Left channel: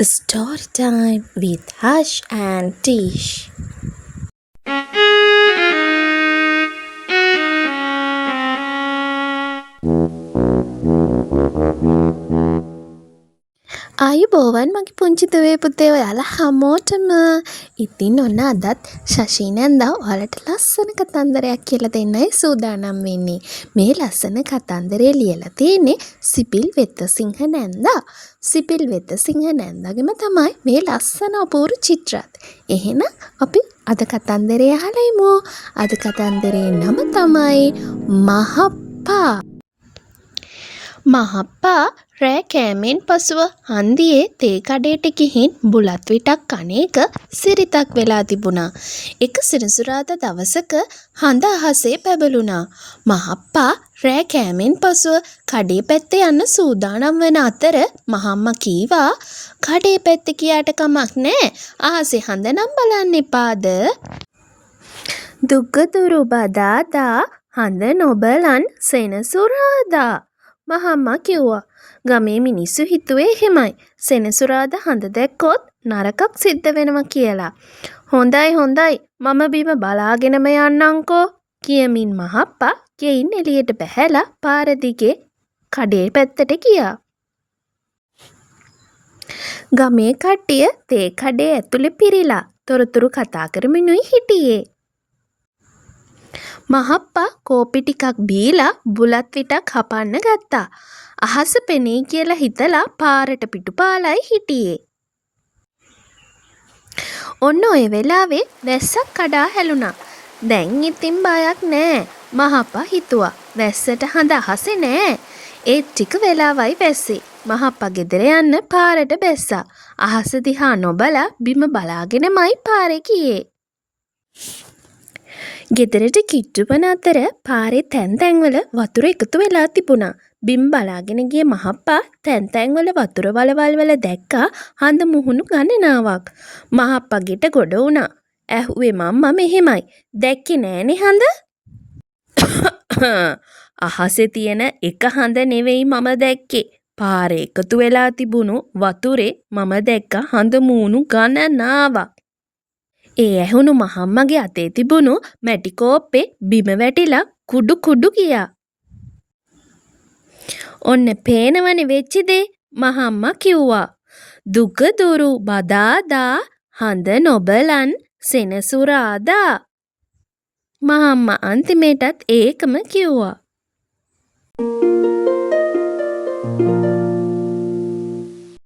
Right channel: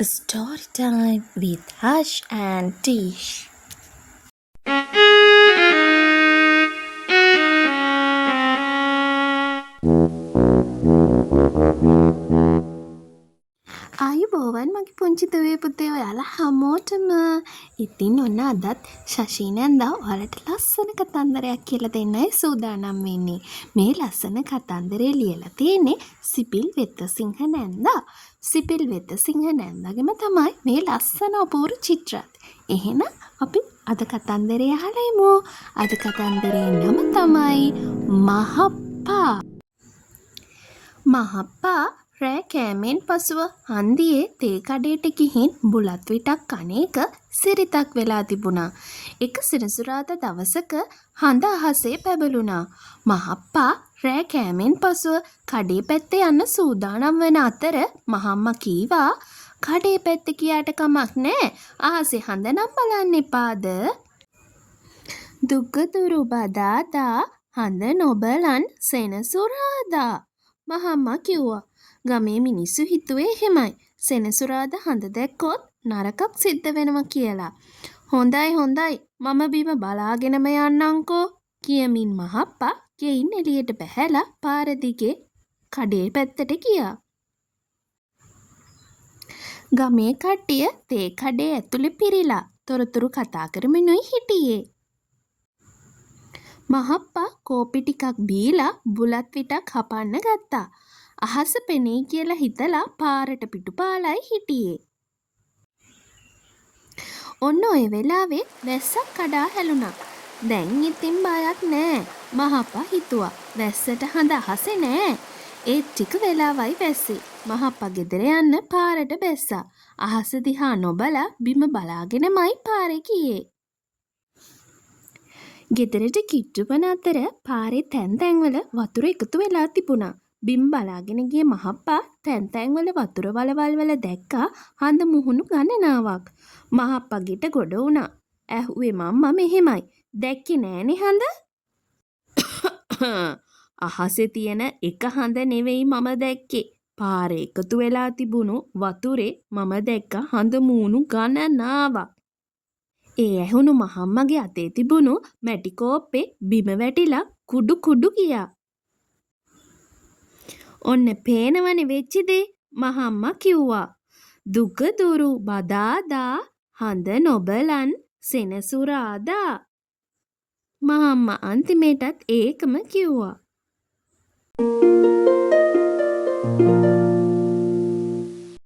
Story time with Hush and Tish. ආයුබෝවන් මගේ පුංචි දුවේ පුතේ ඔයාලා හැමෝටම. ඉතින් ඔන්න අදත් ශෂී නැන්දා ඔයාලට ලස්සන කතන්දරයක් කියලා දෙන්නයි සූදානම් වෙන්නේ. මේ ලස්සන කතන්දරේ ලියලා තියෙන්නේ සිපිල් වෙතසිංහ නැන්දා. සිපිල් වෙතසිංහ නැන්දාගෙම තමයි මේ ලස්සන අපූර්ව චිත්‍රත්. එහෙනම් අපි අද කතන්දරේ අහලා ඉමු. අද කතන්දරේ නම තමයි මහප්පා. මහප්පා රෑ කෑමෙන් පසුව හන්දියේ තේ කඩේට ගිහින් බුලත් විටක් කන එක සිරිතක් වෙලා තිබුණා. එක සෙනසුරාදා දවසක හඳ අහසේ පැබළුණා. මහප්පා රෑ කෑමෙන් පසුව කඩේ පැත්තේ යන්න සූදානම් වන අතර මහම්මා කීවා කඩේ පැත්තේ කියාට කමක් නෑ. අහසේ හඳ නම් බලන්න එපාද? දුග්ගදුරු බදාදා හඳ නොබලන් සෙනසුරාදා. මහම්මා කිව්වා. ගමේ මිනිස්සු හිතුවේ එහෙමයි. සෙනසුරාදා හඳ දැක්කොත් නරකක් සිද්ධ වෙනවා කියලා. හොඳයි මම බිම බලාගෙනම යන්නම්කෝ කියමින් මහප්පා ගෙයින් එළියට බැහැලා පාර දිගේ කඩේ පැත්තට ගියා. ගමේ කට්ටිය තේ කඩේ ඇතුලේ පිරීලා තොරතුරු කතා කරමිනුයි හිටියේ. මහප්පා කෝපි ටිකක් බීලා බුලත් විටක් හපන්න ගත්තා. අහස පෙනේ කියලා හිතලා පාරට පිටුපාලයි හිටියේ. ඔන්න ඔය වෙලාවේ වැස්සක් කඩා හැලුණා. දැන් ඉතින් බයක් නෑ මහප්පා හිතුවා. වැස්සට හඳ අහසේ නෑ. ඒ ටික වෙලාවයි වැස්සේ. මහප්පා ගෙදර යන්න පාරට බැස්සා. අහස දිහා නොබලා බිම බලාගෙනමයි පාරේ ගියේ. ගෙදරට කිට්ටු වන අතර පාරේ තැන් තැන්වල වතුර එකතු වෙලා තිබුණා. බිම් බලාගෙන ගිය මහප්පා තැන් තැන්වල වතුර වලවල් වල දැක්කා හඳ මුහුණු ගණනාවක්. මහප්පා ගෙට ගොඩ වුණා. ඇහුවේ මම්මා මෙහෙමයි. දැක්කේ නෑනේ හඳ? අහසේ තියෙන එක හඳ නෙවෙයි මම දැක්කේ. පාරේ එකතු වෙලා තිබුණු වතුරේ මම දැක්ක හඳ මූණු ගණනාවක්. ඒ ඇහුණු මහම්මගේ අතේ තිබුණු මැටි කෝප්පේ බිම වැටිලා කුඩු කුඩු ගියා. ඔන්න පේනවනේ වෙච්ච දේ මහම්මා කිව්වා. දුගදුරු බදාදා හඳ නොබලන් සෙනසුරාදා. මහම්මා අන්තිමේටත් ඒකම කිව්වා.